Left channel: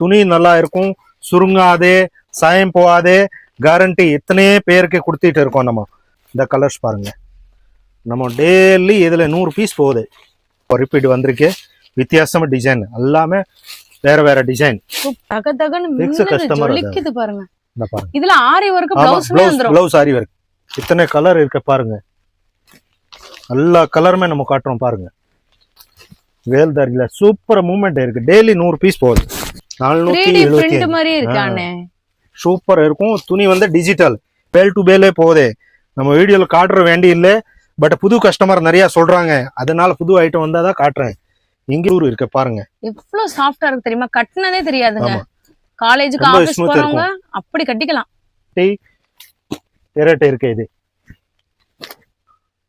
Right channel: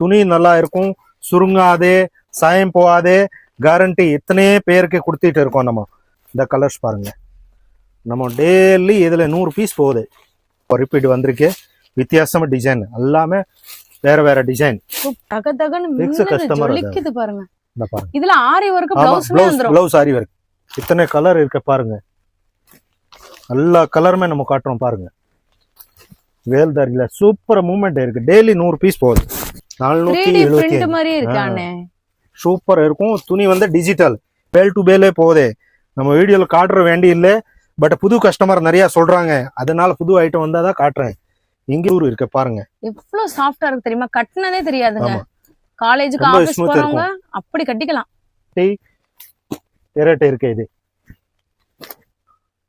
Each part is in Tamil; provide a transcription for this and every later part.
துணி நல்லா இருக்கும், சுருங்காதே, சாயம் போகாதே, கேரண்டி இத்தனையே பேருக்கு கொடுத்துட்டு இருக்கோம். நம்ம இந்த கலர்ஸ் பாருங்க, நம்ம டெய்லி இதுல 100 பீஸ் போகுது. ரிப்பீட் வந்திருக்கு, வித்தியாசமா டிசைன், எல்லாமே வேற வேற டிசைன். கஸ்டமர் பாருங்க, இதுல ஆரி வர்க் பிளவுஸ் ஆரி வர்க் இத்தனை கலர் இருக்கு பாருங்க. எல்லா கலருமே நம்ம காட்டுறோம் பாருங்க. வேல்தாரில சூப்பர் மூவ்மெண்ட் இருக்கு. டெய்லி 100 பீஸ் போகுது. 475 சூப்பர் இருக்கும். துணி வந்து டிஜிட்டல் பேல் டு பேலே போகுது. நம்ம வீடியோல காட்டுற வேண்டி இல்லை, பட் புது கஸ்டமர் நிறைய சொல்றாங்க, அதனால புது ஐட்டம் வந்தாதான் காட்டுறேன். இங்க இருக்கு பாருங்க, எவ்வளவு சாஃப்டா இருக்கு தெரியுமா? கட்டினதே தெரியாதுங்க. காலேஜுக்கு ஆபீஸ் போறவங்க அப்படி கட்டிக்கலாம். திரட்டை இருக்கு, இது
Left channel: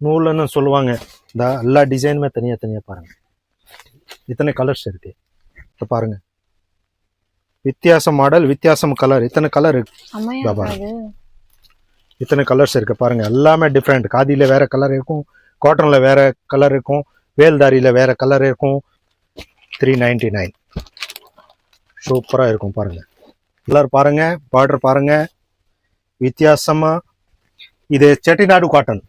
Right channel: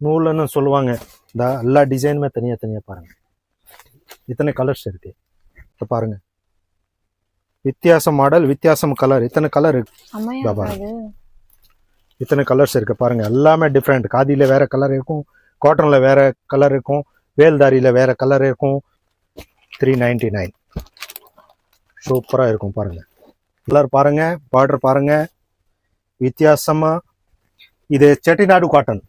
நூல்னு சொல்லுவாங்க. இந்த எல்லா டிசைனுமே தனியா தனியா பாருங்க. இத்தனை கலர்ஸ் இருக்கு பாருங்க. வித்தியாசம் மாடல், வித்தியாசம் கலர், இத்தனை கலர் இருக்கு. இத்தனை கலர்ஸ் இருக்கு பாருங்க. எல்லாமே டிஃப்ரெண்ட். காதியில வேற கலர் இருக்கும், காட்டன்ல வேற கலர் இருக்கும், வேல்தாரியில வேற கலர் இருக்கும். 399 சூப்பரா இருக்கும் பாருங்க. கலர் பாருங்க, பார்டர் பாருங்க, வித்தியாசமா. இது செட்டிநாடு காட்டன்.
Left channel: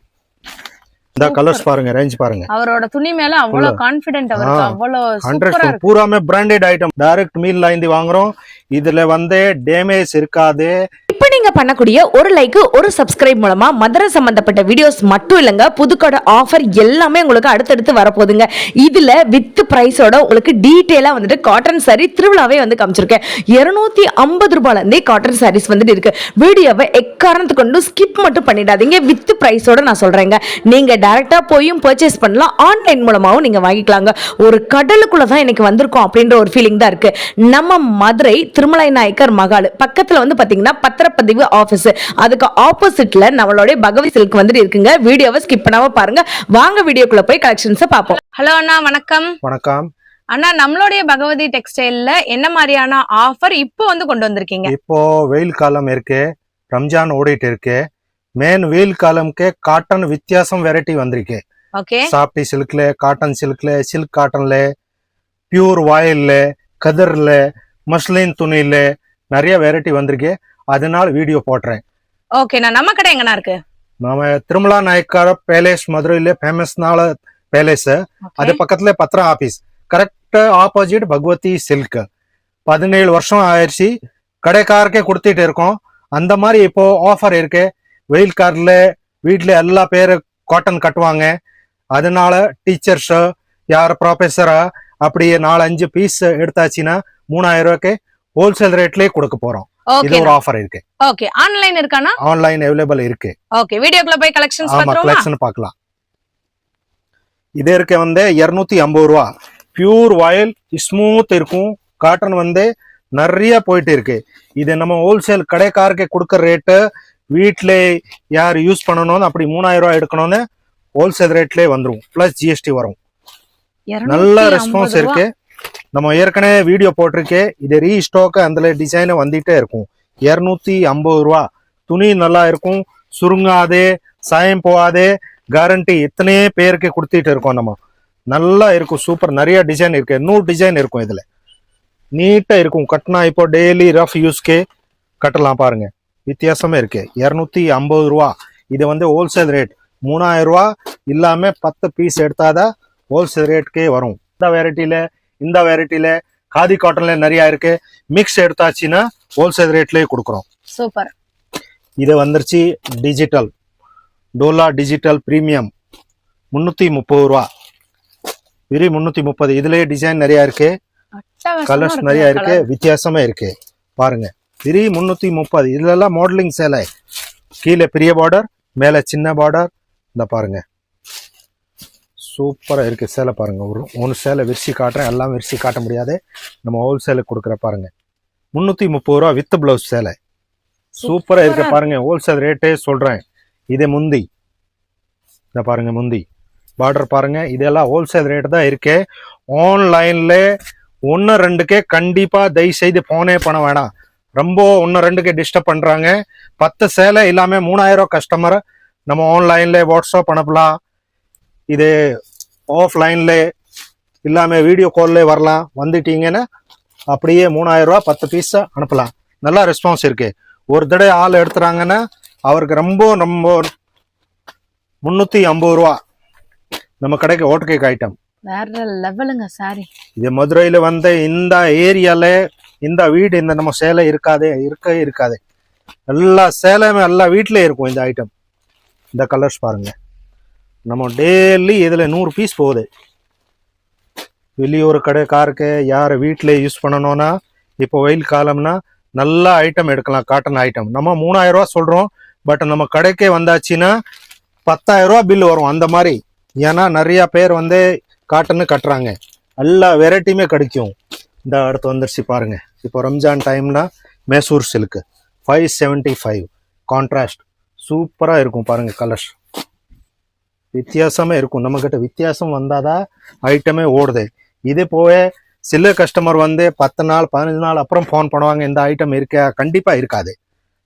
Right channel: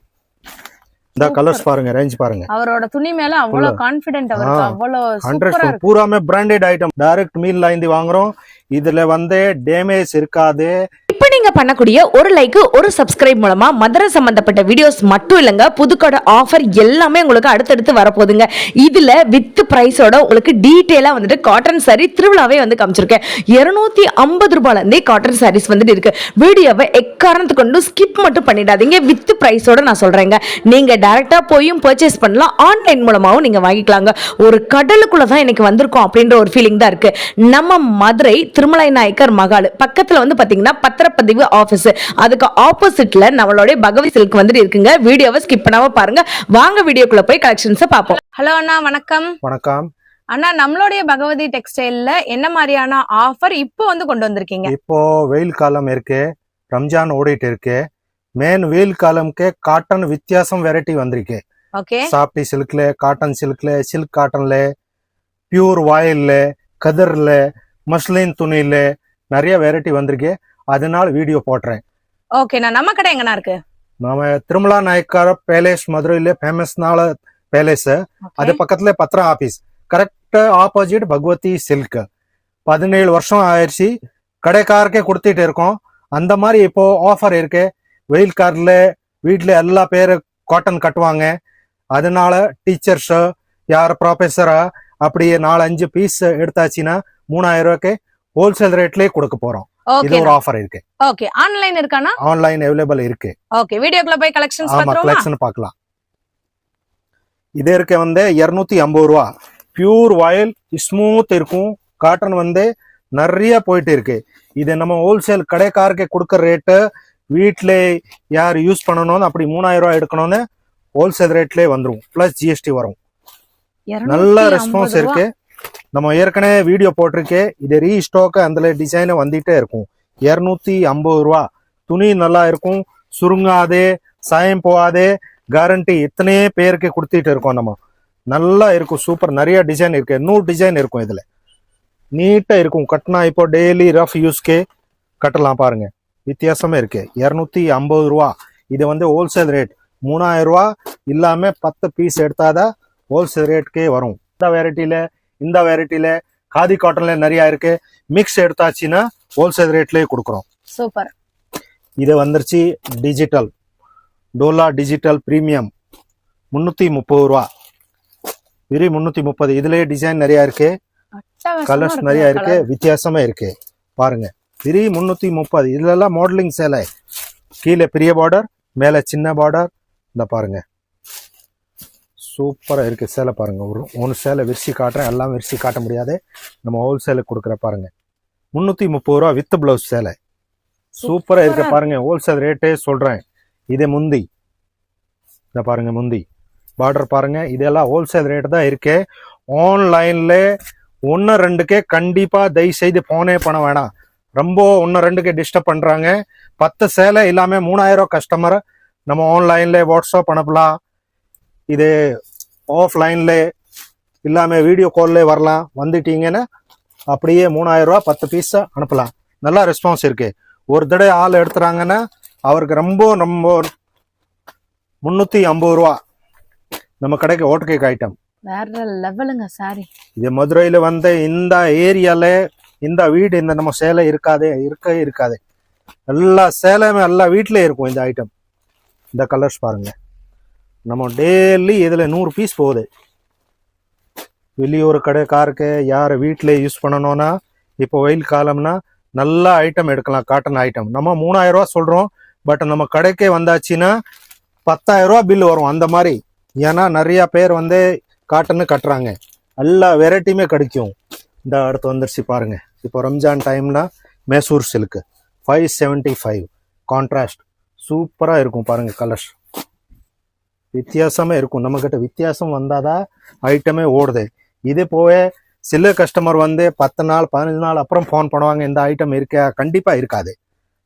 இந்த கலர்ஸ் பாருங்க, ரேஞ்ச் பாருங்க. அவரோட துணி மேல அவ்வளவு கான்ஃபிடென்ட், அவருக்கு அவ்வளவு சூப்பரா இருக்கு. பூராமே பிராண்டட் ஐட்டம், டைரக்ட் மீல்ல இருந்து வாங்குறோம். இதுல வந்து டேமேஜ் இருக்காது. இப்ப நீங்க பண்ணக்கூடிய ஒரு லைக், ஒரு சப்ஸ்கிரைப் மூலமா மதுரை சம்பந்தப்பட்ட வீடியோஸ் மட்டும் இல்லங்க, புதுக்கடை ஆஃபர் எல்லாமே உங்களுக்கு அடுத்தடுத்து வரப்போகுதுங்க. இதுல வித் பிரைஸோட உங்களுக்கு டீடைலா வந்துட்டு காட்டன் சாரி திருவிழாவே வந்து காமிச்சிருக்கேன். 250 ரூபாயில இருந்தே காட்டன் சாரீஸ் வந்துட்டு இருக்கு. வீடியோவை எக்காரணத்து கொண்டு ஸ்கிப் மட்டும் பண்ணிடாதீங்க. வித் பிரைஸோட நான் சொல்றேங்க. நீங்க டைரக்டா போயும் பர்ச்சேஸ் பண்ணலாம், ஆன்லைன் மூலமாவும் நீங்க வாங்கிக்கலாங்க. ஒரு கடலுக்குள்ள தான் எனக்கு வந்திருக்கோம் அப்படின்ற ஒரு ஃபீலிங் தான் இருக்கு. நம்ம மதுரை திருமலை நாயக்கர் மகால் பக்கத்துல வந்து பாத்தீங்கன்னா பத்திரப்பதிவு ஆபீஸ், அதுக்கு ஆப்போசிட்ல நம்மளுடைய பகவதி சில்க் வந்துட்டு இருக்குங்க. வீடியோவை ஸ்கிப் பண்ணாம பாருங்க. வாங்க வீடியோக்குள்ள போய் கலெக்ஷன்ஸ் பாப்போம். ஹலோ அண்ணா, வணக்கம். வணக்கம் அண்ணா, நம்மளுடைய பகவதி டெக்ஸ்டைல்ல என்ன மாதிரியான ஆஃபர் இப்போ வந்து கொண்டு வந்திருக்கீங்க? இப்போ வெயில் காலம் இருக்கு, ரம்ஜான் ஓடிட்டு இருக்கு. மெயின் வெயில் காலம்க்கு காட்டன் வித்தியாசம் வெரைட்டி வந்திருக்கு. ஓகே, சாப்டி சில்க்ல, காட்டன் சில்க்ல, சில்க் காட்டன்ல, பியூர் வாயில்ல, கதிர்ல, மஸ்லின் துணியில நிறைய வெரைட்டி வந்திருக்கு. அதனால வீடியோ போடுறேன். ஓகே, நம்ம கடை எங்கண்ணா இருக்கு? நம்ம திருமலா நாயக்கர் பேலேஸ் மதுரையில ஃபேமஸ்னால பேலேஸ், அது பக்கத்துல பத்திரம் office, correct opposite Bhagavathi silk. 17 வருஷம் ஆயிடுச்சு கடைக்காரக்கே கொடுத்துட்டு இருக்கோம். அந்த மாதிரி இப்போ ஆஃபர் இருக்கு. வெயில் கார்ல வீட்டுல எல்லா பேரு காட்டன் கட்டுவாங்க. அதனால டீச்சர்ஸ், யார் ப்ரொஃபஸரா அப்படி 4-5 பீஸ் எடுத்தாச்சுன்னா 3000 ரூபாய்க்கு ஹோல்சேல் ரேட்லயே கொடுக்க போறோம். இது ஒரு ஆஃபர் இருக்கு. ஓகே, ஆன்லைன் இருக்கானா? ஆன்லைன் அவைலபிள் இருக்கு. ஓகே, வீடியோக்குள்ள போய் கலெக்ஷன்ஸ் பாத்துறோமா? ஆமா, கலெக்ஷன் பார்க்கலாம். இது இருக்கு வந்து 250 ரூபா. பியூர் வாயில் ஸ்மூத் இருக்கும். காட்டன் வந்து நிறைய போயிட்டு இருக்கு. இது நம்ம ஹோல்சேல் கடைக்காரருக்கு கொடுக்கற ரேட்டு. வீட்டுல யார் யூஸ் பண்ணணும்னு அப்படி 3000 ரூபாய் எடுக்கணும்னு ஹோல்சேல் ரேட்லயே வந்துரும், பிளஸ் ஜிஎஸ்டி வரும். நல்ல ரெஸ்பான்ஸ் இருக்கு. நம்ம ஏற்கனவே வீடியோ போட்டிருக்கே. இது ரீஸ்டாக், அந்த டிசைன் வந்துட்டே இருக்கும். 250 ரூபா. துணி நல்லா இருக்கும், சுருங்காதே, சாயம் போகாதே, கேரண்டி இத்தனையே பேருக்கு கொடுத்துட்டு இருக்கோம். நம்ம நல்லா இருக்கும், சூப்பர். நிறைய டிசைன் இருக்கு, 100 டிசைன் இருக்கும். இதுல நீட்டா இருக்கும். கட்டினா இப்போ டெய்லி ரஃப் யூஸ்க்கே கட்டலாம் பாருங்க. வித்தியாசமே இருக்கு. 250 ரூபா. இது வந்து ஹோல்சேல் ரேட். 3000 ரூபா இல்லாம 10 பீஸ் எடுத்தாதான் ஹோல்சேல் ரேட்கே வரும். இந்த வெரைட்டில காதி காட்டன்ல நிறைய இருக்கு. மிக்ஸ் எடுத்தாச்சுன்னா ஹோல்சேல் ரேட்லயே கொடுக்குறோம். சூப்பர். இது வந்துருச்சு டிஜிட்டல், டோலா டிஜிட்டல் பிரீமியம், 330 ரூபா. வெறும் 330. இதுலயே டிசைன் நிறைய இருக்கு, கலர்ஸ் நிறைய இருக்கு, வித்தியாசமா இருக்கு பாருங்க. வெறும் 330. இதுல எல்லாம் மாடலிங் சேலை. கீழே பெரிய பார்டர், மேல சின்ன பார்டர். இந்த பாருங்க, சூப்பரா இருக்கு சேலை பாருங்க. ஒரு சேலை விரிசி காட்டுறேன், எல்லாம் விரிசி காட்ட முடியாது, நம்ம ஹோல்சேலுக்கு கொடுக்குற பாருங்க. 330 ரூபா வித் பிளவுஸ் சேலை. சூப்பரா இருக்கு பாருங்க. ஹோல்சேல் ரேட்டே சொல்றேன். இது முந்தி, இந்த பாருங்க முந்தி பார்டர் பாருங்க. இதெல்லாம் ஹோல்சேல் ரேட் தான் இருக்கு. ஆன்லைன்ல 1-2க்கே கண்டிப்பா தயவு செய்து போனே பண்ண வேணாம். ரொம்ப 1-2க்கு டிஸ்டர்ப் பண்றாங்க. 10 சேலை இல்லாம 3000 கஸ்டமர் நம்ம ஆன்லைன்ல வாட்ஸ்அப் அனுப்பலாம். இது ஆஃப்லைன்ல இல்லாம வீடியோ கால்ல வரலாம். வந்துட்டீங்கன்னா அப்படியே 3000 ரூபா 10 பீஸ் அனுப்பலாம். நல்லா ரெஸ்பான்ஸ் இருக்கு. ஒரு தடவை ஆள் எடுத்துறாங்கன்னா அவருக்கு ரொம்ப 350 ரூபா நம்ம கடைக்கு ஓட் கேக் ஐட்டம். வேற லெவலுங்க சாரி. இது மதுரையில வந்து இந்த ஏரியால இந்த வீடு இந்த நம்ம சேலை இருக்காது. எல்லா சேலையுமே எல்லா வீட்லயும் இருக்கும் இந்த ஐட்டம். இந்த கலர்ஸ் பாருங்க. நம்ம டெய்லி இதுல 100 பீஸ் போகுது. வெளியூர் கடைக்காருக்கு யார் வீட்டில் யூஸ் பண்ணணும்னா இப்போ வெயில் காலம்னா நல்ல ஐட்டம் எடுக்கலாம். காட்டன் ஐட்டம் நம்ம 3000 ரூபா சொல்றோம். பட் நம்ம கடைக்கே வந்தாச்சுன்னா 10,000 ரூபா பில் வரும் அந்த மாதிரி. ஏன்னா நிறைய பேர் வந்து காட்டன்னு கட்டுறாங்க. எல்லா வெரைட்டியுமே கிடைக்கும். இந்த அடுத்து வந்துருச்சு பாருங்க. இப்போ ரம்ஜான் டைம்னா மைசூர் சில்க் 575 கான்ட்ராஸ்ட் சூப்பரா இருக்கும் பாருங்க. கலர்ஸ் வித்தியாசமே இருக்கும். நம்ம கிட்ட வித்தியாசம் வந்தாதான் ஐட்டமே ஓடுது. இது போக சில கஸ்டமர் வந்து 10 நாள் 15 நாள் அப்புறம் ஃபோன் பண்ணுவாங்க, இந்த ஐட்டம் இருக்கா? கண்டிப்பா இருக்காது.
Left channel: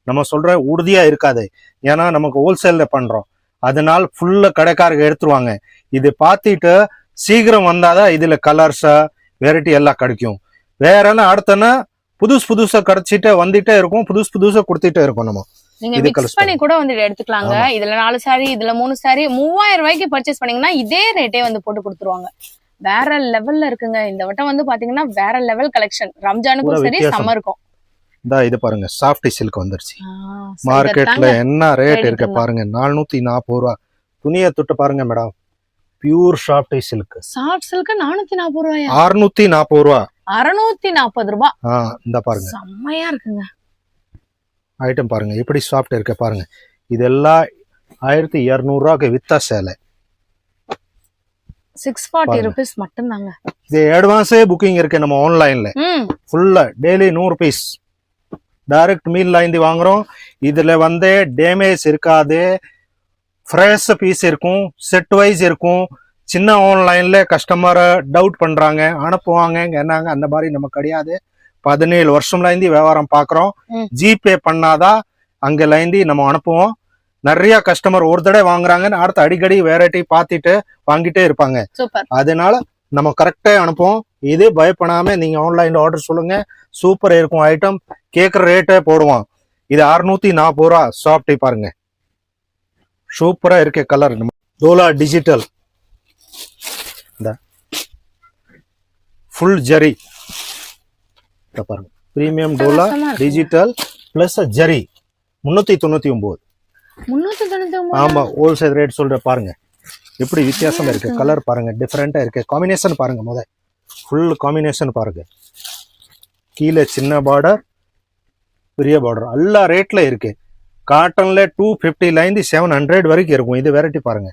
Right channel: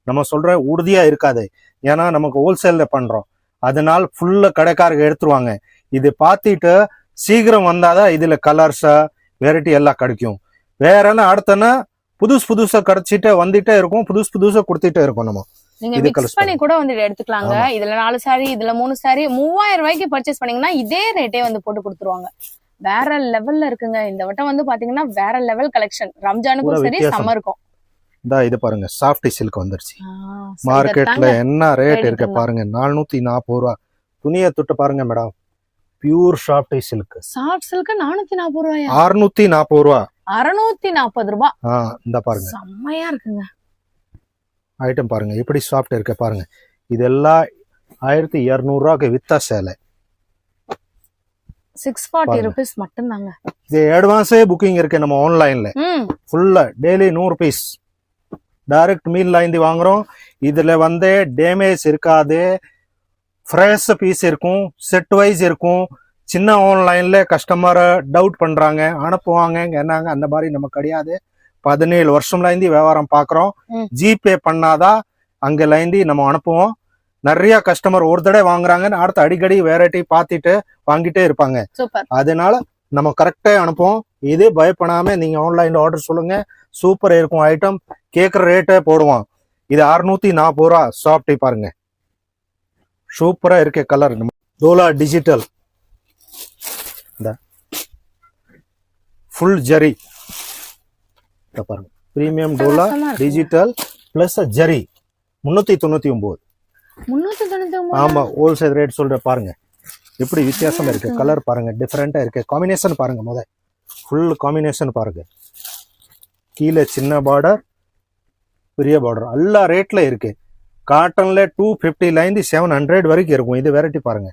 நம்ம சொல்ற உறுதியா இருக்காது. ஏன்னா நமக்கு ஹோல்சேல்ல பண்றோம். அதனால ஃபுல்லு கடைக்காரங்க எடுத்துருவாங்க. இது பார்த்துட்டு சீக்கிரம் வந்தாதான் இதுல கலர்ஸா வெரைட்டி எல்லாம் கிடைக்கும். வேற எல்லாம் அடுத்தனா புதுசா கிடைச்சிட்டே வந்துட்டே இருக்கும். புதுசா கொடுத்துட்டே இருக்கும். நம்ம நீங்க மிக்ஸ் பண்ணி கூட வந்து எடுத்துக்கலாங்க. இதுல 4 சாரி, இதுல 3 சாரி, 3000 ரூபாய்க்கு பர்ச்சேஸ் பண்ணீங்கன்னா இதே ரேட்டே வந்து போட்டு கொடுத்துருவாங்க. வேற லெவல்ல இருக்குங்க. இந்த வட்டம் வந்து பாத்தீங்கன்னா வேற லெவல் கலெக்ஷன். ரம்ஜானுக்கும் சரி சம்மருக்கும். இது பாருங்க சாஃப்ட் சில்க் வந்துருச்சு. மார்க்கெட்ல என்ன ரேட் இருக்கு பாருங்க. 440 ரூபா. துணியை தொட்டு பாருங்க madam. Pure soft silk. Soft silk 440 ரூபாயா? 640 ரூபா. 640 ரூபா. இந்த பாருங்க செம்மையா இருக்குங்க. ஐட்டம் பாருங்க எப்படி சாஃப்ட் இருக்கு பாருங்க. இதெல்லாம் 1200 ரூபாய்க்கு வித்தா சேலை. 640 rupees மட்டும் தாங்க. இது அட்வான்ஸே புக்கிங் இருக்கு நம்ம ஆன்லைன்ல. ஃபுல்லா டெய்லி 100 பீஸ் டைரக்ட் மீல்ல இருந்து வாங்குறோம். இதுல வந்து டேமேஜ் இருக்காது. ஃப்ரெஷ் பீஸ் இருக்கும். செட் வைஸ் இருக்கும். சின்ன ஆன்லைன்ல கஸ்டமர் டவுட் பண்றாங்க, அனுப்புவாங்க என்னங்க, அந்த மாதிரி நம்ம கிடையாது. 17 வருஷம்ல இருந்து வியாபாரம் பாக்குறோம். ஜிபே பண்ணாதான் அங்கல இருந்து நம்ம அனுப்புவோம். நிறைய கஸ்டமர் ஒரு தடவை வாங்குறாங்கன்னு அடுத்து அடிக்கடி வெரைட்டி பார்த்துட்டு வாங்கிட்டே இருப்பாங்க. அதனால நம்ம கரெக்டா அனுப்புவோம். இதே பயப்படாம நீங்க ஆன்லைன்ல ஆர்டர் சொல்லுங்க. சூப்பர் இருக்கும் ஐட்டம். கேக்குற ரேட்டே போடுவோம். இது 640 ரூபா. சாஃப்ட் பாருங்க சூப்பரா இருக்கு. கலர் டோலா டிஜிட்டல் ஃபுல் ஜரி பாருங்க. பிரீமியம் டோலா டிஜிட்டல் பிளஸ் ஜரி 399. ஆமா ஹோல்சேல் ரேட் சொல்ற பாருங்க. எப்படி வித்தியாசம் இருக்கு. கலர் பாருங்க டிஃபரெண்டா இருக்கு. காம்பினேஷன் பாருங்க. முதல் ஃபுல் காம்பினேஷன் பாருங்க. கீழே சின்ன பார்டர் பெரிய பார்டர் எல்லா ரேட்ல இருக்கு. காட்டன்ல 250 இருந்து 700 வரைக்கும் இருக்கும். இது வெரைட்டி பாருங்க.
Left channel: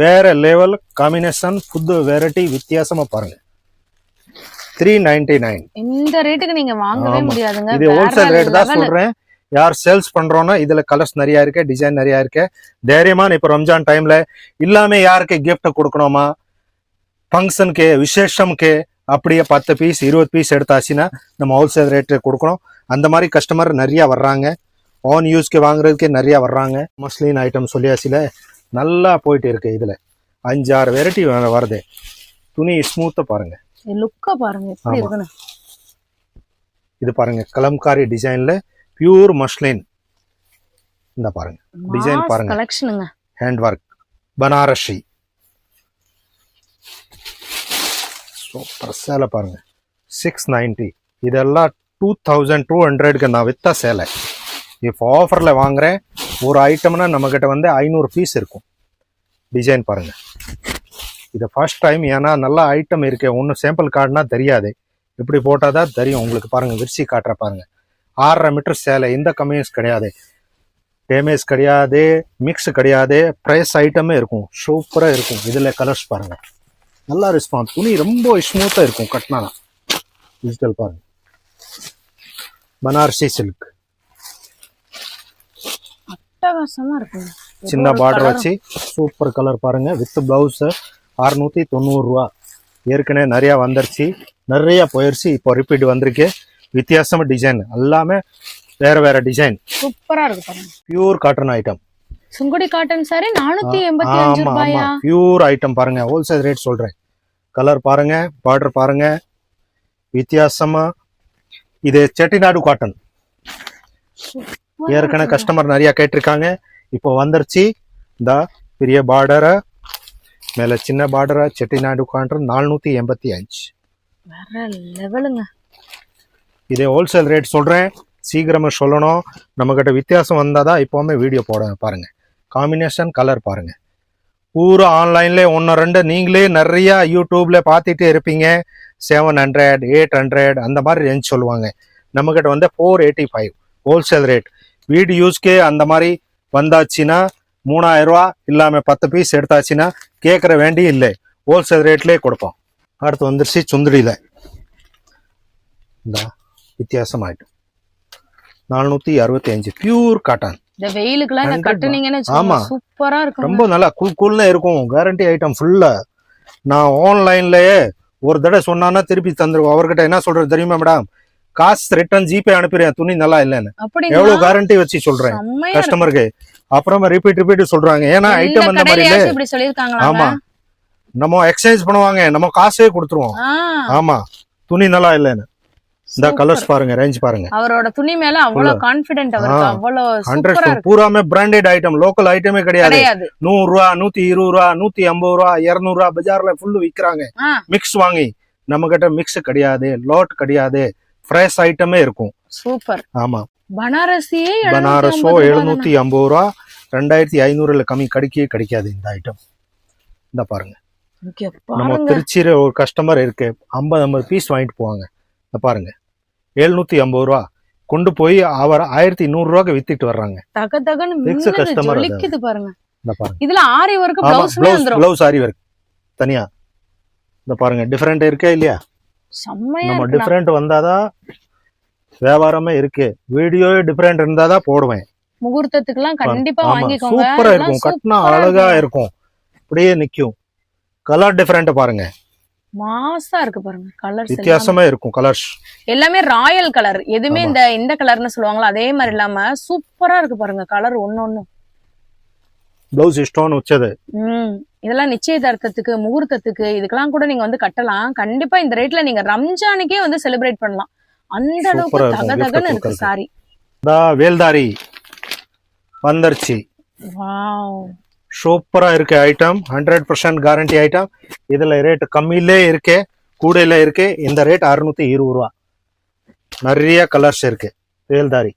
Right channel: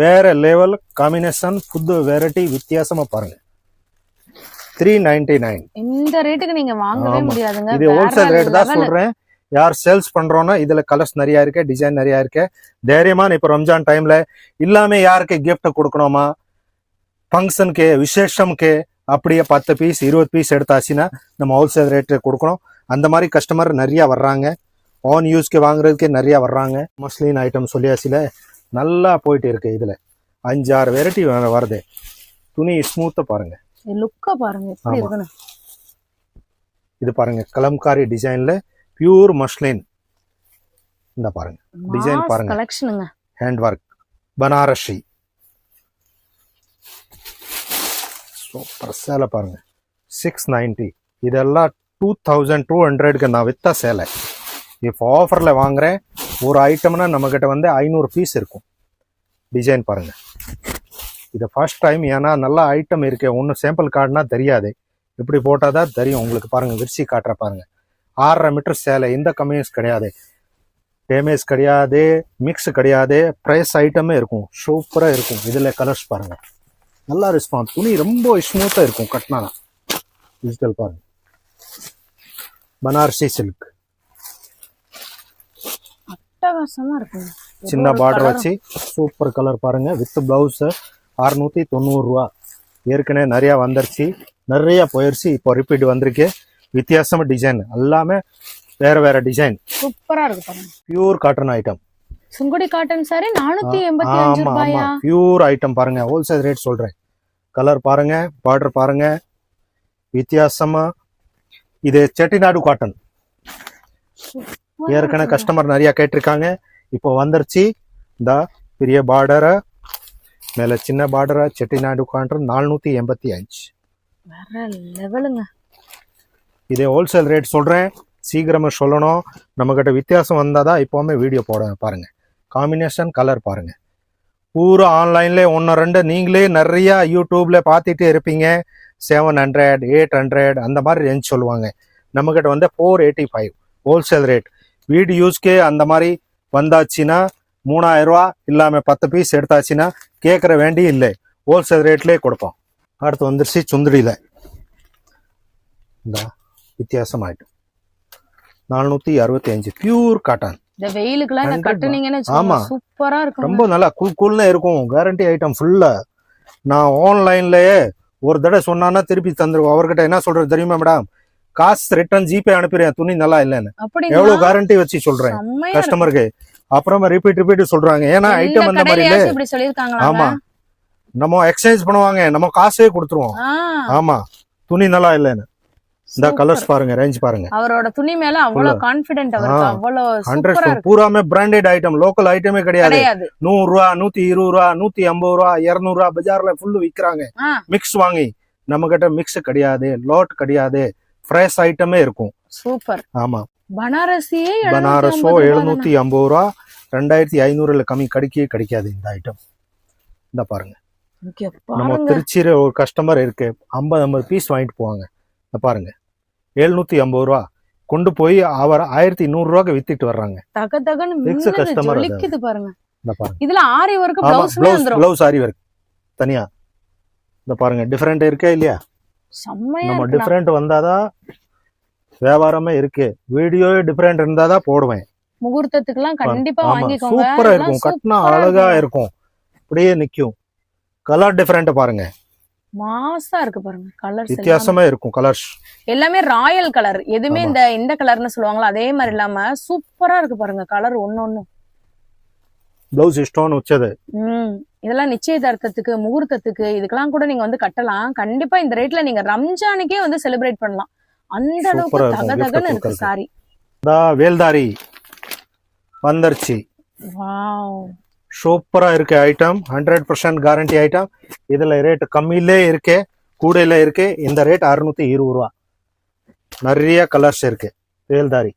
வேற லெவல் காம்பினேஷன். புது வெரைட்டி வித்தியாசமா பாருங்க. 399. இந்த ரேட்டுக்கு நீங்க வாங்கவே முடியாதுங்க. இது ஹோல்சேல் ரேட் தான் சொல்றேன். யார் சேல்ஸ் பண்றோம்னா இதுல கலர்ஸ் நிறைய இருக்கு, டிசைன் நிறைய இருக்கு. தைரியமான இப்ப ரம்ஜான் டைம்ல இல்லாம யாருக்கு கிஃப்ட் கொடுக்கணுமா, ஃபங்க்ஷனுக்கு விசேஷம்க்கு அப்படியே 10 பீஸ் 20 பீஸ் எடுத்தாச்சுன்னா நம்ம ஹோல்சேல் ரேட்டு கொடுக்கணும். அந்த மாதிரி கஸ்டமர் நிறைய வர்றாங்க. ஆன் யூஸ்க்கு வாங்குறதுக்கு நிறைய வர்றாங்க. மஸ்லின் ஐட்டம் சொல்லியாச்சுல நல்லா போயிட்டு இருக்கு. இதுல 5-6 வெரைட்டி வருது. துணி ஸ்மூத்தா பாருங்க. லுக்கா பாருங்க. இது பாருங்க கலம்காரி டிசைன்ல பியூர் மஸ்லின். இந்த பாருங்க டிசைன் பாருங்க. கலெக்ஷனுங்க. ஹேண்ட் ஒர்க் பனாரசி சூப்பர் சேலை பாருங்க. 690. இதெல்லாம் 2200க்கு நான் வித்தா சேலை. இப்போ ஆஃபர்ல வாங்குறேன். ஒரு ஐட்டம்னா நம்ம கிட்ட வந்து 500 பீஸ் இருக்கும். டிசைன் பாருங்க. இது ஃபர்ஸ்ட் டைம். ஏன்னா நல்ல ஐட்டம் இருக்கு. ஒன்னும் சாம்பிள் கார்டுனா தெரியாது. இப்படி போட்டாதான் தெரியும் உங்களுக்கு. பாருங்க விரிச்சி காட்டுற பாருங்க. 6.5 மீட்டர் சேலை. இந்த கம்மியன்ஸ் கிடையாது, டேமேஜ் கிடையாது, மிக்ஸ் கிடையாது. பிரைஸ் ஐட்டமே இருக்கும். சூப்பரா இருக்கும். இதுல கலர்ஸ் பாருங்க. நல்லா ரெஸ்பான்ஸ். துணி ரொம்ப ஸ்மூத்தா இருக்கும். கட்டினா டிஜிட்டல் பாருங்க. பனாரசி சில்க் அட்டகாசமா இருக்கும். சின்ன பார்டர் வச்சு சூப்பர் கலர் பாருங்க. வித் பிளவுஸ் 690 ரூபா. ஏற்கனவே நிறைய வந்துருச்சு, நிறைய போயிருச்சு. இப்போ ரிப்பீட் வந்திருக்கு. வித்தியாசமா டிசைன் எல்லாமே வேற டிசைன் சூப்பரா இருக்கு பாருங்க. Pure cotton item. Sungudi cotton sorry 485 ரூபாயா? பியூர் ஐட்டம் பாருங்க. ஹோல்சேல் ரேட் சொல்றேன். கலர் பாருங்க, பார்டர் பாருங்க. வித்தியாசமா இது செட்டிநாடு காட்டன். ஏற்கனவே கஸ்டமர் நிறைய கேட்டிருக்காங்க, இப்போ வந்துருச்சு. இந்த பெரிய பார்டரா மேல சின்ன பார்டரா செட்டிநாடு காட்டன் 485. வேற லெவலுங்க. இது ஹோல்சேல் ரேட் சொல்றேன், சீக்கிரமா சொல்லணும். நம்ம கிட்ட வித்தியாசம் வந்தாதான் இப்போவுமே வீடியோ போட பாருங்க. காம்பினேஷன் கலர் பாருங்க. பூரா ஆன்லைன்ல 1-2 நீங்களே நிறைய யூடியூப்ல பார்த்துட்டே இருப்பீங்க. 700 800 அந்த மாதிரி ரேஞ்ச் சொல்லுவாங்க. நம்ம கிட்ட வந்து 485 ஹோல்சேல் ரேட். வீடு யூஸ்க்கே அந்த மாதிரி வந்தாச்சுன்னா 3000 ரூபா இல்லாம 10 பீஸ் எடுத்தாச்சுன்னா கேட்கற வேண்டி இல்லை, ஹோல்சேல் ரேட்லயே கொடுப்போம். அடுத்து வந்துருச்சு சுந்தடியில இந்த வித்தியாசமாயிட்டு 465 பியூர் காட்டன். இந்த வெயிலுக்குலாம் இத 100 கட்டுனீங்கன்னு ஆமா. வச்சுக்கோங்க, சூப்பரா இருக்கும். ரொம்ப நல்லா கூல்ல இருக்கும். கேரண்டி ஐட்டம் ஃபுல்லா. நான் ஆன்லைன்லயே ஒரு தடவை சொன்னானா திருப்பி தந்துருவோம். அவர்கிட்ட என்ன சொல்றது தெரியுமா மேடம், காசு ரிட்டர்ன் ஜிபே அனுப்பிடுறேன் துணி நல்லா இல்லைன்னு. அப்படிங்களா? எவ்வளவு கேரண்டி வச்சு சொல்றேன் செம்மையா கஸ்டமருக்கு. அப்புறமா ரிப்பீட் சொல்றாங்க, ஏன்னா இருக்கு. ஐட்டம் இந்த அந்த மாதிரி கடையிலயாச்சும் இல்ல. இப்படி சொல்லிருக்காங்களா? ஆமா, நம்ம எக்ஸ்சேஞ்ச் பண்ணுவாங்க, நம்ம காசே கொடுத்துருவோம். ஆமா, துணி நல்லா இல்லைன்னு. இந்த கலர்ஸ் பாருங்க, ரேஞ்ச் பாருங்க. அவரோட துணி மேல அவ்வளவு கான்பிடென்ட், அவருக்கு அவ்வளவு சூப்பரா 100 இருக்கு. பூராமே பிராண்டட் ஐட்டம், லோக்கல் ஐட்டமே கிடையாது. 100 ரூபா 120 ரூபா 150 ரூபா 200 ரூபா பஜார்ல ஃபுல்லு விக்கிறாங்க. மிக்ஸ் வாங்கி, நம்ம கிட்ட மிக்ஸ் கிடையாது, லோட் கிடையாது, ஃப்ரெஷ் ஐட்டமே இருக்கும். சூப்பர். ஆமா, பனாரசியே பனாரஸோ 750 ரூபா 2500 கம்மி கிடைக்காது இந்த ஐட்டம். இந்த பாருங்க, நம்ம திருச்சியில ஒரு கஸ்டமர் இருக்கு, 50 பீஸ் வாங்கிட்டு போவாங்க. இந்த பாருங்க, 750 ரூபா கொண்டு போய் அவர் 1100 ரூபாய்க்கு வித்துட்டு வர்றாங்க. கஸ்டமர் பாருங்க. இந்த பாருங்க, இதுல ஆரி வர்க் ப்ளவுஸ்மே வந்துரும். ப்ளவுஸ் ஆரி வர்க் தனியா. இந்த பாருங்க, டிஃபரெண்ட் இருக்கே இல்லையா? செம்மையா நம்ம இருக்கு. டிஃபரெண்ட் வந்தாதான் வியாபாரமே இருக்கு. வீடியோ டிஃபரெண்ட் இருந்தாதான் போடுவேன். முகூர்த்தத்துக்குலாம் கண்டிப்பா வாங்கிக்கோங்க. சூப்பரா இருக்கும், கட்டினா அழகா இருக்கும், அப்படியே நிக்கும். கலர் டிஃபரெண்ட் பாருங்க, மாசா இருக்கு பாருங்க. கலர்ஸ் வித்தியாசமா இருக்கும். கலர்ஸ் எல்லாமே ராயல் கலர், எதுவுமே இந்த கலர்னு சொல்லுவாங்களா அதே மாதிரி இல்லாம சூப்பரா இருக்கு பாருங்க. கலர் ஒண்ணு ப்ளவுஸ் ஸ்டோன் வச்சது. இதெல்லாம் நிச்சயதார்த்தத்துக்கு, முகூர்த்தத்துக்கு, இதுக்கெல்லாம் கூட நீங்க வந்து கட்டலாம். கண்டிப்பா இந்த ரேட்ல நீங்க ரம்ஜானுக்கே வந்து செலிப்ரேட் பண்ணலாம். அந்த அளவுக்கு தகதகன்னு இருக்கு சாரி. வேல்தாரி வந்துருச்சு. வாவ், சூப்பரா இருக்கு ஐட்டம். 100% guarantee item. இதுல ரேட் கம்மியிலே இருக்கு, கூடையில இருக்கு. இந்த ரேட் 620 ரூபா. நிறைய கலர்ஸ் இருக்கு. வேல்தாரி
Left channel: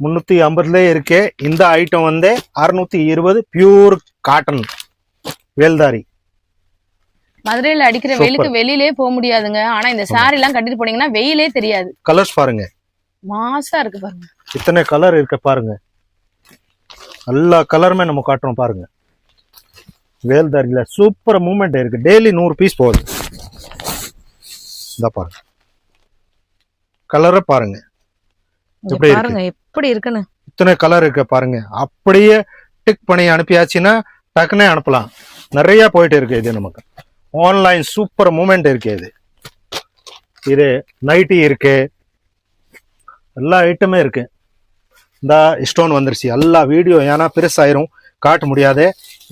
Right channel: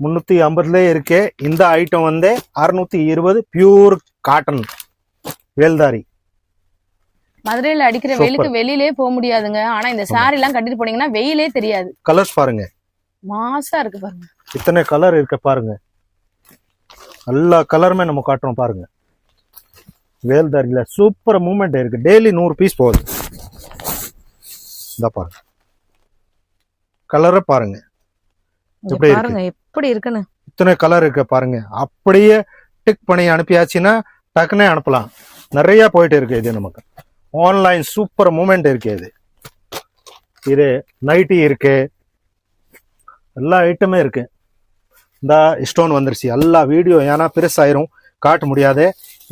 350 இருக்கு. இந்த ஐட்டம் வந்து 620 பியூர் காட்டன் வேல்தாரி. மதுரையில அடிக்கிற வெயிலுக்கு வெளியிலே போக முடியாதுங்க. ஆனா இந்த சாரி எல்லாம் கட்டிட்டு போனீங்கன்னா வெயிலே தெரியாது. கலர்ஸ் பாருங்க, மாசா இருக்கு பாருங்க. இத்தனை கலர் இருக்கு பாருங்க. எல்லா கலருமே நம்ம காட்டுறோம் பாருங்க. வேல்தாரியில சூப்பர் மூவ்மெண்ட் இருக்கு. டெய்லி 100 பீஸ் போகுது. இந்த பாருங்க, கலரை பாருங்க பாருங்க எப்படி இருக்குன்னு. இத்தனை கலர் இருக்கு பாருங்க. அப்படியே டிக் பண்ணி அனுப்பியாச்சுன்னா டக்குனே அனுப்பலாம். நிறைய போயிட்டு இருக்கு. இது நமக்கு ஆன்லைன் சூப்பர் மூவ்மெண்ட் இருக்கு. இது நைட்டி இருக்கு, எல்லா ஐட்டமே இருக்கு. இந்த ஸ்டோன் வந்துருச்சு. எல்லா வீடியோ ஏன்னா பெருசாயிரும், காட்ட முடியாது.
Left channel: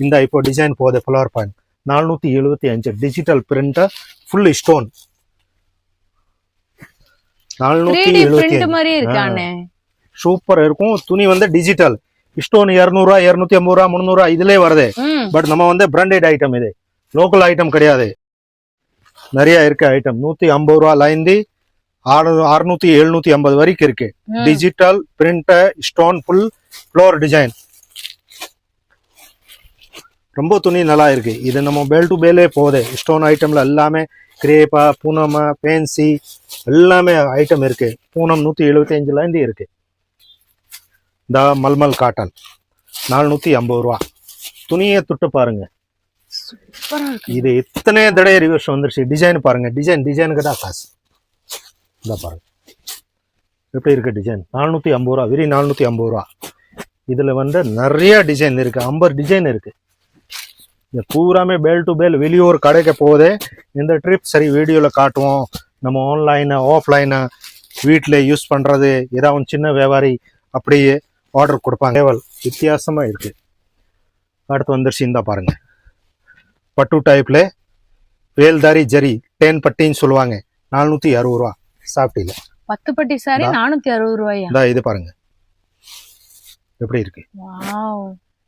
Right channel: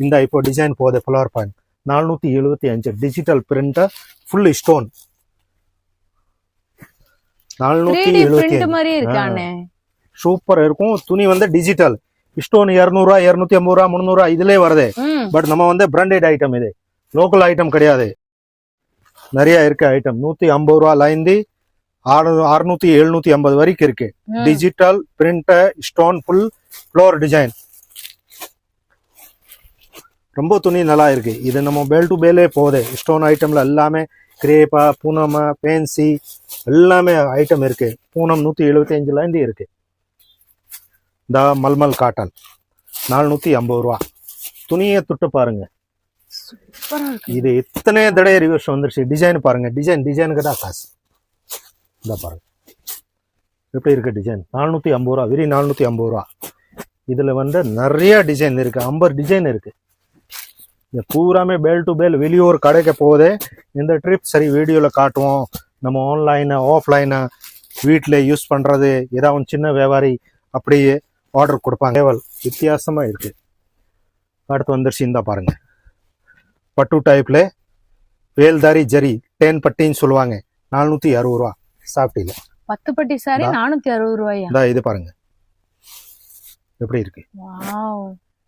இந்த இப்போ டிசைன் போகுது. Flower point 475 digital print full stone 475. Super இருக்கும். துணி வந்து டிஜிட்டல் ஸ்டோன் 200 ரூபா 250 ரூபா 300 ரூபா இதுலயே வருது. பட் நம்ம வந்து பிராண்டட் ஐட்டம், இது லோக்கல் ஐட்டம் கிடையாது. நிறைய இருக்கு ஐட்டம். 150 ரூபால இருந்து 600 750 வரைக்கும் இருக்கு. Digital print stone full floor design. ரொம்ப துணி நல்லா இருக்கு. இது நம்ம பேல் டு பேலே போகுது. ஸ்டோன் ஐட்டம்ல எல்லாமே கிரேப்பா, பூனம், பேன்சி எல்லாமே ஐட்டம் இருக்கு. பூனம் 175 இருந்து இருக்கு. இந்த மல்மல் காட்டன் 450 ரூபா. துணியை தொட்டு பாருங்க. இது எத்தனை தடவை ரிவர்ஸ் வந்துருச்சு. டிசைன் பாருங்க, டிசைனுக்கு தான் காசு. இந்த பாருங்க எப்படி இருக்கு டிசைன். 450 ரூபா, வெறும் 450 ரூபா. இதுல வந்து நிறைய டிசைன் இருக்கு. 50 டிசைன் இருக்கு. இந்த பூராமே பேல் டு பேல் வெளியூர் கடைக்கு போகுது. இந்த ட்ரிப் சரி வீடியோல காட்டுவோம். நம்ம ஆன்லைன் ஆஃப்லைன் வீட்டில் யூஸ் பண்றது, ஏதாவது சின்ன வியாபாரி அப்படியே ஆர்டர் கொடுப்பாங்க. வித்தியாசமா இருக்கு. அடுத்து வந்துருச்சு. இந்த பாருங்க, பட்டு டைப்ல வேல்தாரி ஜரி 10 பட்டின்னு சொல்லுவாங்க. 460 ரூபா. சாஃப்ட் இல்ல 10 பட்டி சாரி 460 ரூபாயா? இந்த இது பாருங்க எப்படி இருக்கு. வாவ்,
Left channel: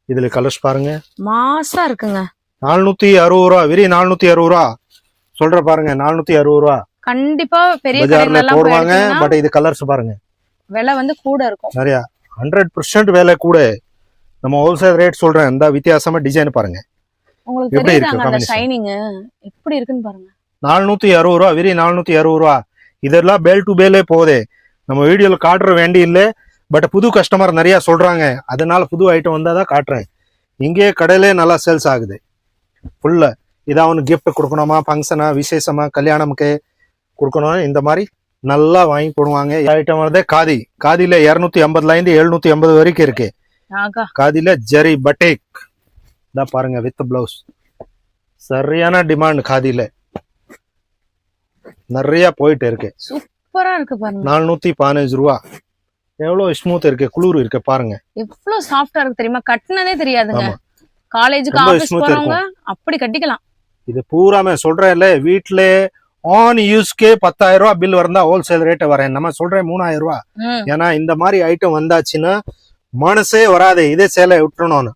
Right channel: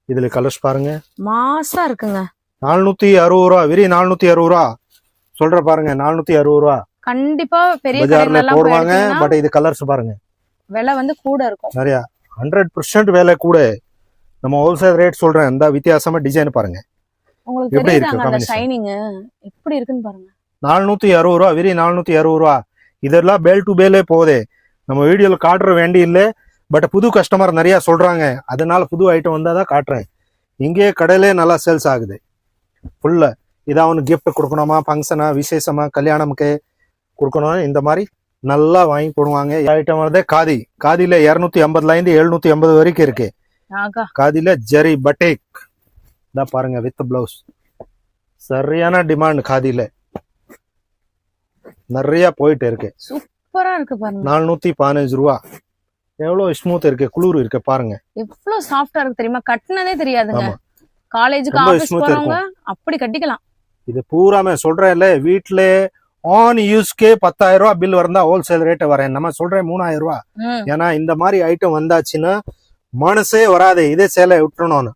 இதுல கலர்ஸ் பாருங்க. மாசா இருக்குங்க. 460 ரூபா, வெரி 460 ரூபா சொல்ற பாருங்க. 460 ரூபா கண்டிப்பா பெரிய பஜார்ல கடையில எல்லாம் போடுவாங்க. போயிட்டீங்கன்னா பட் இது கலர்ஸ் பாருங்க விலை வந்து கூட இருக்கும். நிறைய 100% விலை கூட. நம்ம ஹோல்சேல் ரேட் சொல்றேன். இந்த வித்தியாசமா டிசைன் பாருங்க உங்களுக்கு எப்படி இருக்கு தெரியுதாங்க அந்த combination? ஷைனிங் எப்படி இருக்குன்னு பாருங்க. 460 ரூபா, வெரி 460 ரூபா. இதெல்லாம் பேல் டு பேலே போதே. நம்ம வீடியோல காட்டுற வேண்டி இல்லை. பட் புது கஸ்டமர் நிறைய சொல்றாங்க, அதனால புது ஐட்டம் வந்தா தான் காட்டுறேன். இங்கே கடையிலே நல்லா சேல்ஸ் ஆகுது ஃபுல்லா. இதான் அவனுக்கு கிஃப்ட் கொடுக்கணுமா, ஃபங்க்ஷனா, விசேஷமா, கல்யாணமுக்கு கொடுக்கணும், இந்த மாதிரி நல்லா வாங்கி போடுவாங்க. ஐட்டம் வந்து காதி. காதியில 250ல இருந்து 750 வரைக்கும் இருக்கு. ஆகா, காதியில ஜெரி பட்டேக் தான் பாருங்க வித் பிளவுஸ். சரியான டிமாண்ட் காதியில நிறைய போயிட்டு இருக்கு. சூப்பரா இருக்கு பாருங்க. 415 ரூபா. எவ்வளவு ஸ்மூத் இருக்கு, குளிர் இருக்கு பாருங்க. எவ்வளவு சாஃப்டா இருக்கு தெரியுமா? கட்டினதே தெரியாதுங்க. ஆமா. காலேஜுக்கு ரொம்ப ஆபீஸ் smooth போறவங்க அப்படி கட்டிக்கலாம். இது பூராமே சொல்றேன்ல, வீட்டுல ஆன் யூஸ்க்கே 10,000 ரூபா பில் வரந்தா ஹோல்சேல் ரேட் வரேன். நம்ம சொல்றேன் 3,000 ரூபா. ம், ஏன்னா இந்த மாதிரி ஐட்டம் வந்தாச்சுன்னா மனசே வராது இதே சேலை விட்டுறணும்னு.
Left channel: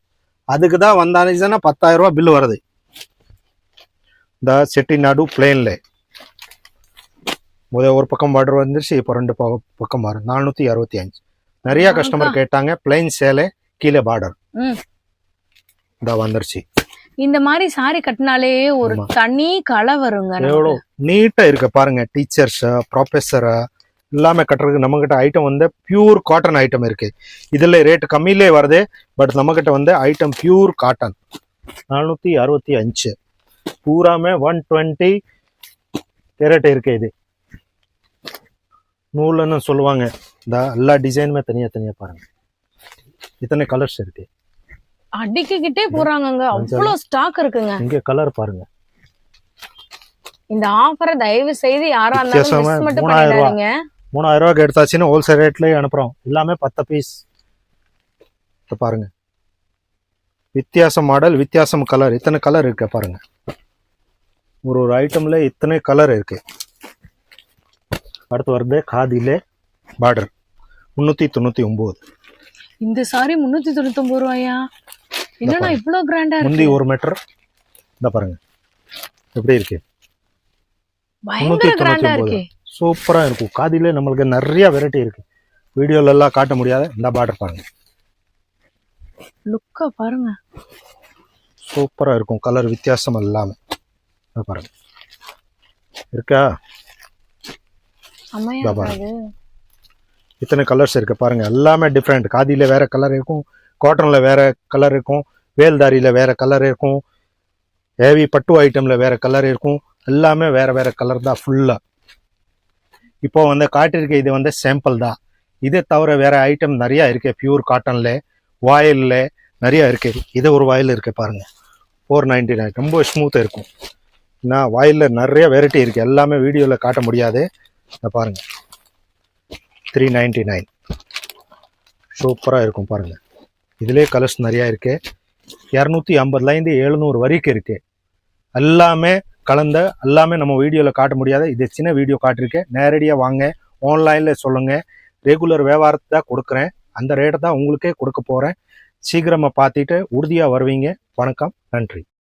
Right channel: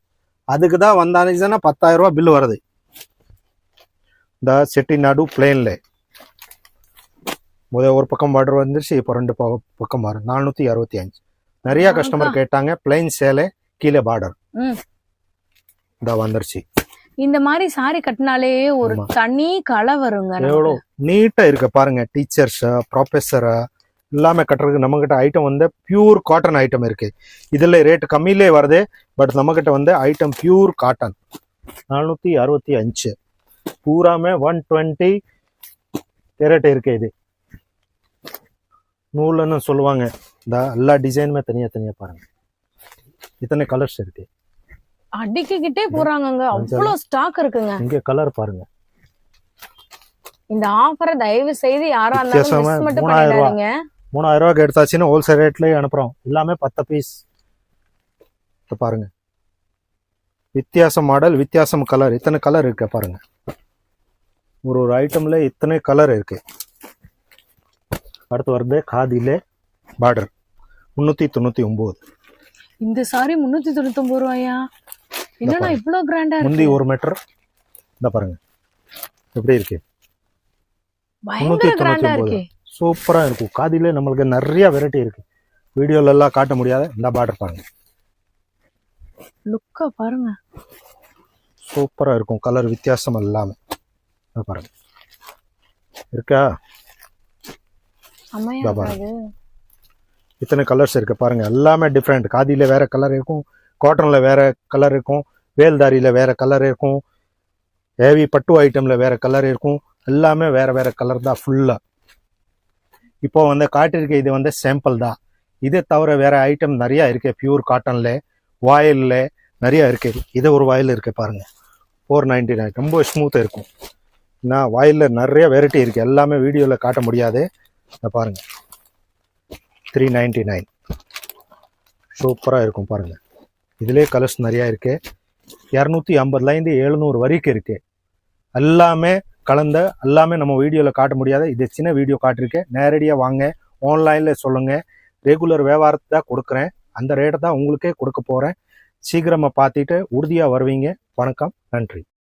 அதுக்கு தான் வந்தாச்சுன்னா 10,000 ரூபா பில் வருது. இந்த செட்டிநாடு பிளேன்ல ஒரு பக்கம் பார்டர் வந்துருச்சு, இப்போ 2 பக்கம் வரும். 465. நிறைய கஸ்டமர் கேட்டாங்க பிளைன் சேலை கீழே பார்டர். ம். இந்த வந்துருச்சு. இந்த மாதிரி சாரி கட்டினாலே ஒரு ஆமா. தனி கலை வருங்க நமக்கு. எவ்வளவு நீட்டா இருக்கு பாருங்க. டீச்சர்ஸ், ப்ரொஃபஸர் எல்லாமே கட்டுறதுக்கு நம்ம கிட்ட ஐட்டம் வந்து பியூர் காட்டன் ஐட்டம் இருக்கு. இதுல ரேட் கம்மியிலே வருது. பட் நம்ம கிட்ட வந்து ஐட்டம் பியூர் காட்டன். 465 பூராமே 120 கேரட் இருக்கு. இது நூல்னு சொல்லுவாங்க. இந்த எல்லா டிசைனுமே தனியா தனியா பாருங்க. இத்தனை கலர்ஸ் இருக்கு. அடிக்கிட்டே போறாங்கங்க, அவ்வளவு ஸ்டாக் இருக்குங்க. இங்க கலர் பாருங்க. இந்த ஆஃபரை தயவு செய்து யாரா இருந்தாலும் வித்தியாசமா மிஸ் மட்டும் 3,000 ரூபா. பண்ணிடாதீங்க. 3,000 ரூபாய்க்கு எடுத்தாச்சுன்னா ஹோல்சேல் ரேட்லயே அனுப்புறோம். எல்லாமே 10 பீஸ் பாருங்க. வித்தியாசம் மாடல், வித்தியாசம் கலர். இத்தனை கலர் இருக்கு பாருங்க. ஒரு ஐட்டம்ல இத்தனை கலர் இருக்கு. அடுத்து வருது காதியில பார்டர் 399. இந்த சாரி 399 ரூபாயா? என்னன்னா இவ்வளவு கிராண்டா முந்தி இருக்கு. 1 மீட்டர். இந்த பாருங்க எப்படி இருக்கு. பயங்கர கிராண்டா 399. இருக்கு. சூப்பரா இருக்கும். காதியில நம்மளுக்கு நிறைய வெரைட்டி இருக்கு. வீடியோல எல்லாம் காட்ட முடியாது. இந்த பார்டர் பாருங்க, லுக்கா பாருங்க. சூப்பரா இருக்கும். கலர் வித்தியாசம் எல்லாமே பாருங்க இருக்கா. செமையா பாருங்க. இருக்காது. இத்தனை கலர்ஸ் இருக்கு பாருங்க. எல்லாமே டிஃப்ரெண்ட். காதியில வேற கலர் இருக்கும், காட்டன்ல வேற கலர் இருக்கும், வேல்தாரியில வேற கலர் இருக்கும், ஹேவி பட்டு ஐட்டம்ல வேற கலர் இருக்கும். எல்லாமே வேற வேற கலர் தான் ஃபுல்லா. இப்போ வந்து காட்டிருக்க இது வந்து சாம்பிள் தான். இதே தவிர வேற ஐட்டம் நிறைய இருக்கு. பியூர் காட்டன்ல, வாயில்ல நிறைய இருக்கு. இது ஒரு வாயில் இருக்கு பாருங்க, 499. ரொம்ப ஸ்மூத்தா இருக்கும். நான் வாயில்ல நிறைய வெரைட்டி இருக்கு. எல்லாமே வீடியோல காட்ட முடியாது. பாருங்க 399. சூப்பரா இருக்கும் பாருங்க. இதுலயே கலர்ஸ் நிறைய இருக்கு. 250ல இருந்து 700 வரைக்கும் இருக்கு. எல்லாமே கலந்த, எல்லாமே நம்ம வீடியோல காட்ட முடியாது. இது சின்ன வீடியோ காட்டிருக்கேன். நேரடியாக வாங்க, ஆன்லைன்ல சொல்லுங்க. ரெகுலர் வியாபாரத்தை தான் கொடுக்குறேன். அந்த ரேட்டை தான் உங்களுக்கே கொடுக்க போறேன். சீக்கிரமா பார்த்துட்டு உறுதியா வருவீங்க. வணக்கம், நன்றி.